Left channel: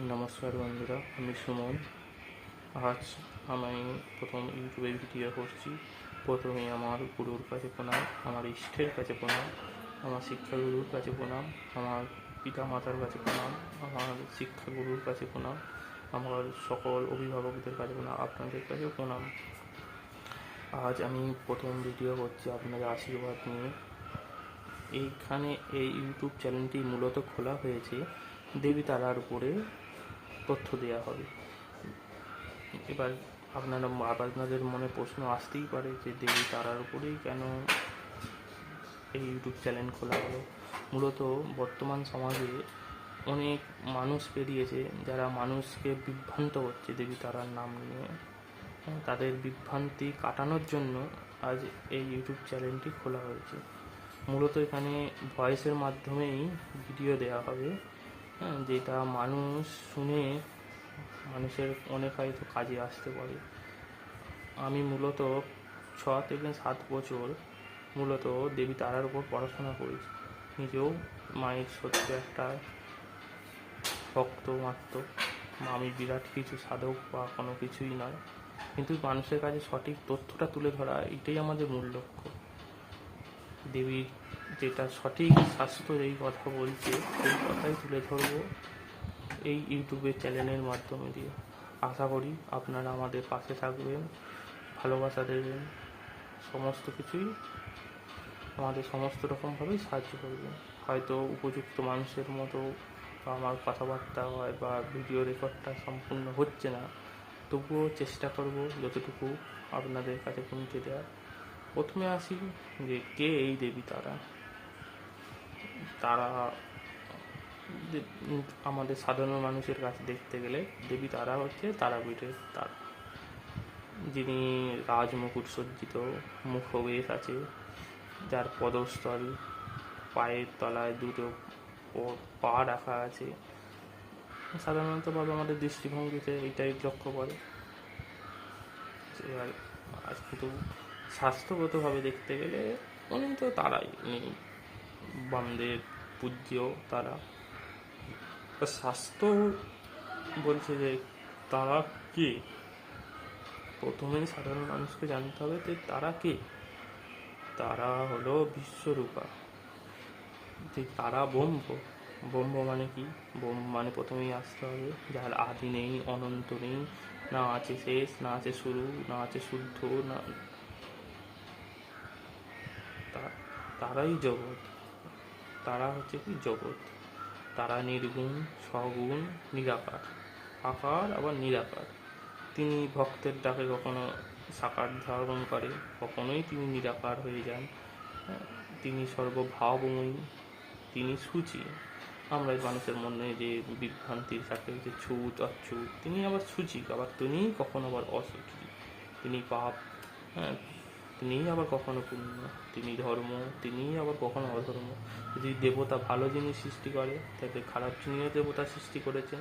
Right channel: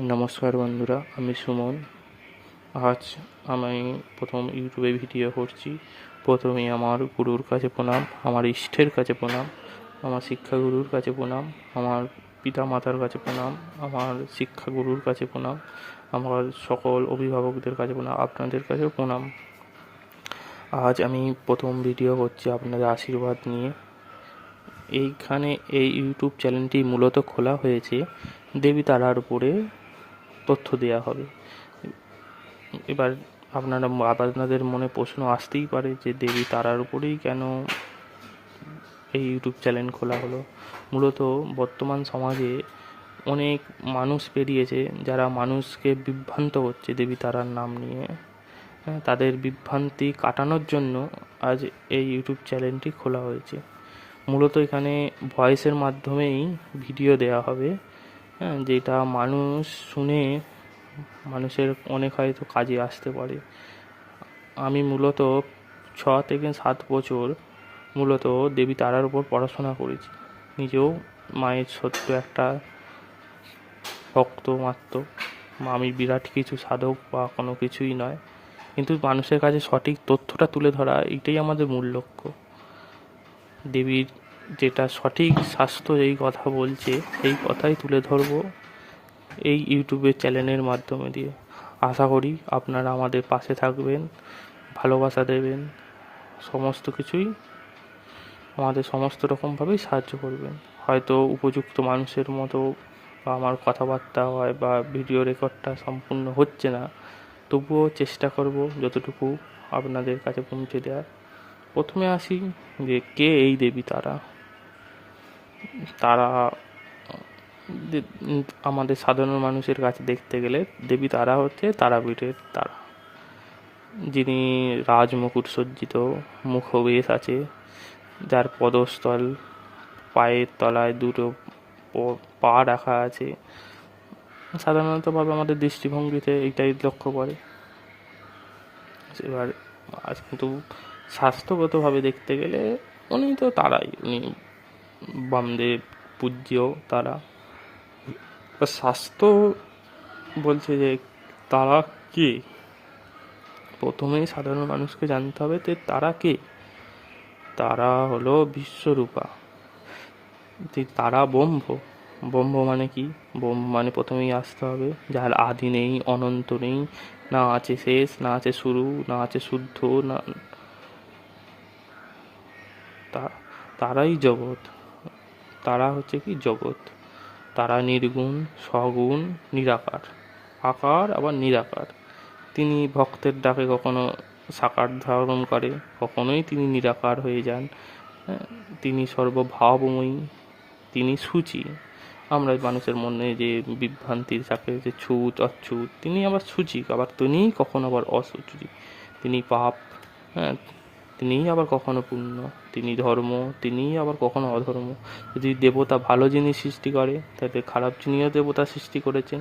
নমস্কার বন্ধুরা, আমি সুমন। আজ আমি প্রথম ইউটিউবে ভিডিও করছি। প্রথমে আমার গুরুর কাছে প্রণাম, আমার ইষ্টের কাছে প্রণাম, আমার শিক্ষাগুরুর কাছে প্রণাম, আমার পিতা মাতার কাছে প্রণাম, আমার শিক্ষাগুরুর কাছে প্রণাম, আমার সকল অভিভাবকদের কাছে প্রণাম, আপনাদের কাছেও প্রণাম। আজ আমি প্রথম ভিডিও করছি আপনাদের আশীর্বাদ নিয়ে। এইখানে এই ইউটিউব চ্যানেলটি মূলত খোলা হয়েছে দেবী তারার উপরে। তথ্য দেওয়া হবে। এবার আপনারা আপনাদের মনে প্রশ্ন আসতেই পারে যে দেবী তারার উপরেই কেন এই ইউটিউব চ্যানেল খোলা হলো? মূলত বর্তমান সমাজে অনেক মানুষ বেরিয়েছে যারা মানুষকে বিভ্রান্ত করছে দেবী তারার নাম নিয়ে। হ্যাঁ, তাদের বিভ্রান্তি কাটানোর জন্য আজ এই ইউটিউব চ্যানেলটি খোলা হয়েছে। মূলত এখানে ভয়েসের মাধ্যমেই ভিডিও দেওয়া হবে। হ্যাঁ যেটা মানুষ শুনে মানুষের অনেক হয়তো কাজে আসতে পারে। আমি মূলত ছ থেকে সাত বছর মূলত দেবী তারার উপর পড়াশোনা করেছি। নিজেও মায়ের সত্য একটা ভক্ত মাত্র আমি বিরাট কিছু সাধক বা কোনো কিছুই নয়। কিন্তু মানুষের কাছে সঠিক তথ্যটা তুলে ধরা এটাই আমাদের মূল লক্ষ্য। দেবীর যেটা সঠিক স্বাস্থ্য এই কথা বলছে, সেই কথাই তুলে ধরবো এই ইউটিউবের চ্যানেলের মাধ্যমে দিয়ে। আশা করি আপনারা আমাদের পাশে থাকবেন, ভালোবাসা দেবেন, সমস্ত কিছুই আমাদের সমস্ত রকমভাবেই সাহায্য করবেন। হয়তো উপযুক্ত মানুষের মতো বা আমার কথাবার্তা হয় বা ভিডিও রেকর্ডটা সম্পূর্ণ হচ্ছে না, তবুও চেষ্টা করব যতটুকু আপনাদের কাছে পৌঁছে দেওয়ার। প্রথমে আসি যে কে এই দেবী তারা? তারা আমাদের সাধারণ মানুষের কাছে দেখতে গেলে দেবী তারা হচ্ছে তারাপীঠের তারা। যিনি রাজমুকুট সজ্জিত, মুখবেশ আছে, যার পদস্থল পায়ের তলায় দুটো পা রাখা আছে। সাধারণতভাবে আমাদের দৃষ্টিভঙ্গিতে এইটাই লক্ষ্য করে। এবার কিন্তু স্বাস্থ্যগতভাবে দেখতে গেলে উনি তো তারাই, উনি বামদেব পূজ্য তারা। স্বাস্থ্য বলছে যে, তারা কে? প্রথমেই সাধারণ মানুষকে জানতে হবে যে, তারা কে? তারা হলো বিশ্বরূপা। যে তারা ব্রহ্ম। ব্রহ্ম মানে কি? ব্রহ্ম মানে প্রথমেই আসতে হবে। যার আদি নেই, অনন্ত নেই, না আছে শেষ, না আছে শুরু, না আছে শুদ্ধ, না তারাই জগৎ। তারা হচ্ছে কি জগৎ। তারা নির্গুণ সগুণ নিরাকার। আকার আবার নিরাকার। তিনি ভক্তের ডাকে কখনো সাকার ধারণ করে কখনোই তিনি নিরাকার হয়ে যান। হ্যাঁ, তিনি সর্বভাবময়ী তিনি সূচি। আমরা মানুষের মনে যে বিভ্রান্তি থাকে যে ছুত অচ্ছুত তিনি আবার সূচি আবার তিনিই কখনো আবার অসুচি। তিনি পাপ হ্যাঁ তিনিই আবার কখনো পুণ্য তিনি ধর্ম তিনিই আবার কখনো অধর্ম। যদি দেবতা ভালো জিনিস সৃষ্টি করে তাহলে খারাপ জিনিসও দেবতা সৃষ্টি করেছেন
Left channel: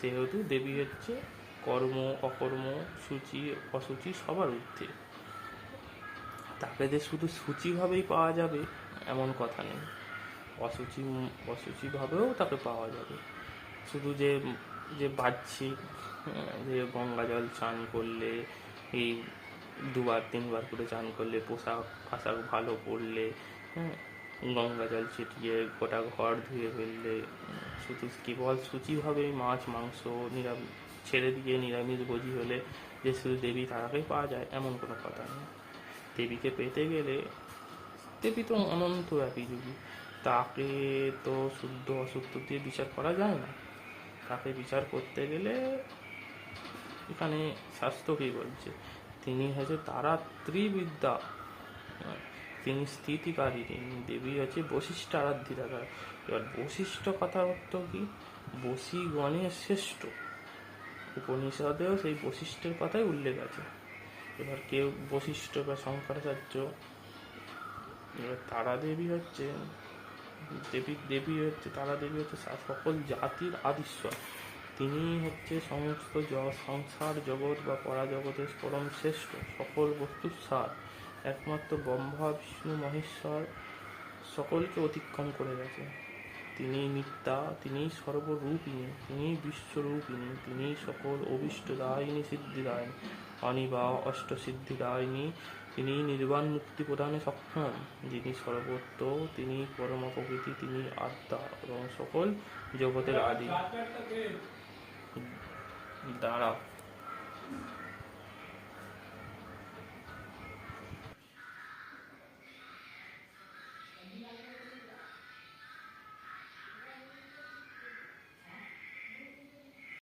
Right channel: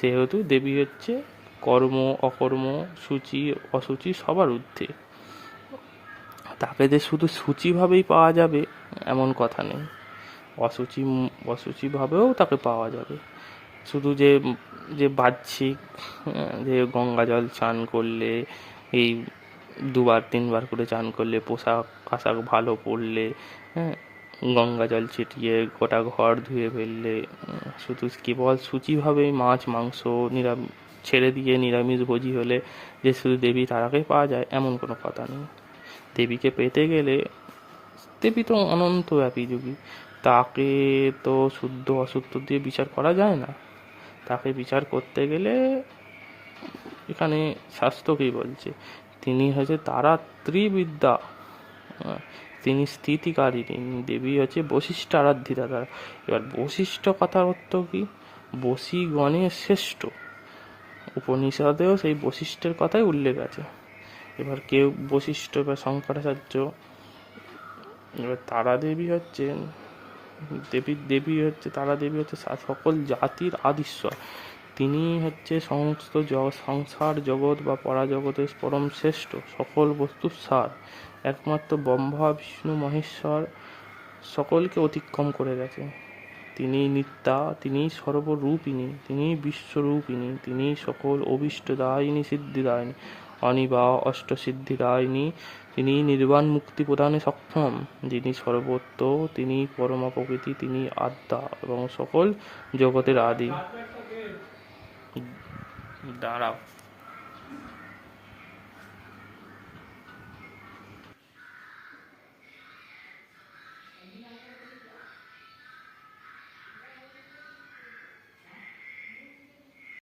সেহেতু দেবী হচ্ছে কর্ম অকর্ম সূচি অসুচি সবার ঊর্ধ্বে। তাকে যে শুধু সূচিভাবেই পাওয়া যাবে এমন কথা নেই। অসুচি অসুচিভাবেও তাকে পাওয়া যাবে। শুধু যে যে বাহ্যিক হ্যাঁ, যে গঙ্গা জল চান করলে এই দুবার, তিনবার করে চান করলে, পোশাক আশাক ভালো পরলে হ্যাঁ গঙ্গা জল ছিটিয়ে গোটা ঘর ধুয়ে ফেললে, শুধু কেবল সূচিভাবেই মাছ, মাংস নিরাম, ছেড়ে দিয়ে নিরামিষ ভোজি হলে যে শুধু দেবী তারাকেই পাওয়া যায়, এমন কোনো কথা নেই। দেবীকে পেতে গেলে দেবী তো অনন্ত ব্যাপী যোগী। তাকে তো শুদ্ধ অশুদ্ধ দিয়ে বিচার করা যায় না। তাকে বিচার করতে গেলে এখানে কী বলছে। তিনি হচ্ছে তারা ত্রিবিদ্যা তিনি স্থিতিকারিণী দেবী হচ্ছে বশিষ্ঠ আরাধ্যিতা তারা এবার বশিষ্ঠ কথা অর্থ কি? বশী গণের শ্রেষ্ঠ। উপনিষদেও সেই বশিষ্ঠের কথাই উল্লেখ আছে। এবার কেউ বশিষ্ঠ বা শঙ্করাচার্য, এবার তারা দেবী হচ্ছেন, দেবী দেবী হচ্ছে তারা দেবী হচ্ছে সকল জাতির আদিশ্বর তিনি হচ্ছে সমস্ত সংসার জগৎ বা পরাজগতের পরম শ্রেষ্ঠ, সকল বস্তুর সার। একমাত্র ব্রহ্মা, বিষ্ণু, মহেশ্বর সকলকে অতিক্রম করে গেছে তিনি নিত্যা তিনি সর্বরূপিণী তিনি বিশ্বরূপিণী তিনি সকল অভীষ্টদায়িনী, সিদ্ধিদায়িনী, অনিবা, অষ্টসিদ্ধিদায়িনী তিনি নির্বাণ মুক্তি প্রদানে সক্ষম, যিনি সর্বত্র তিনি পরমা প্রকৃতি তিনি আত্মা এবং সকল জগতের আদি। 打扰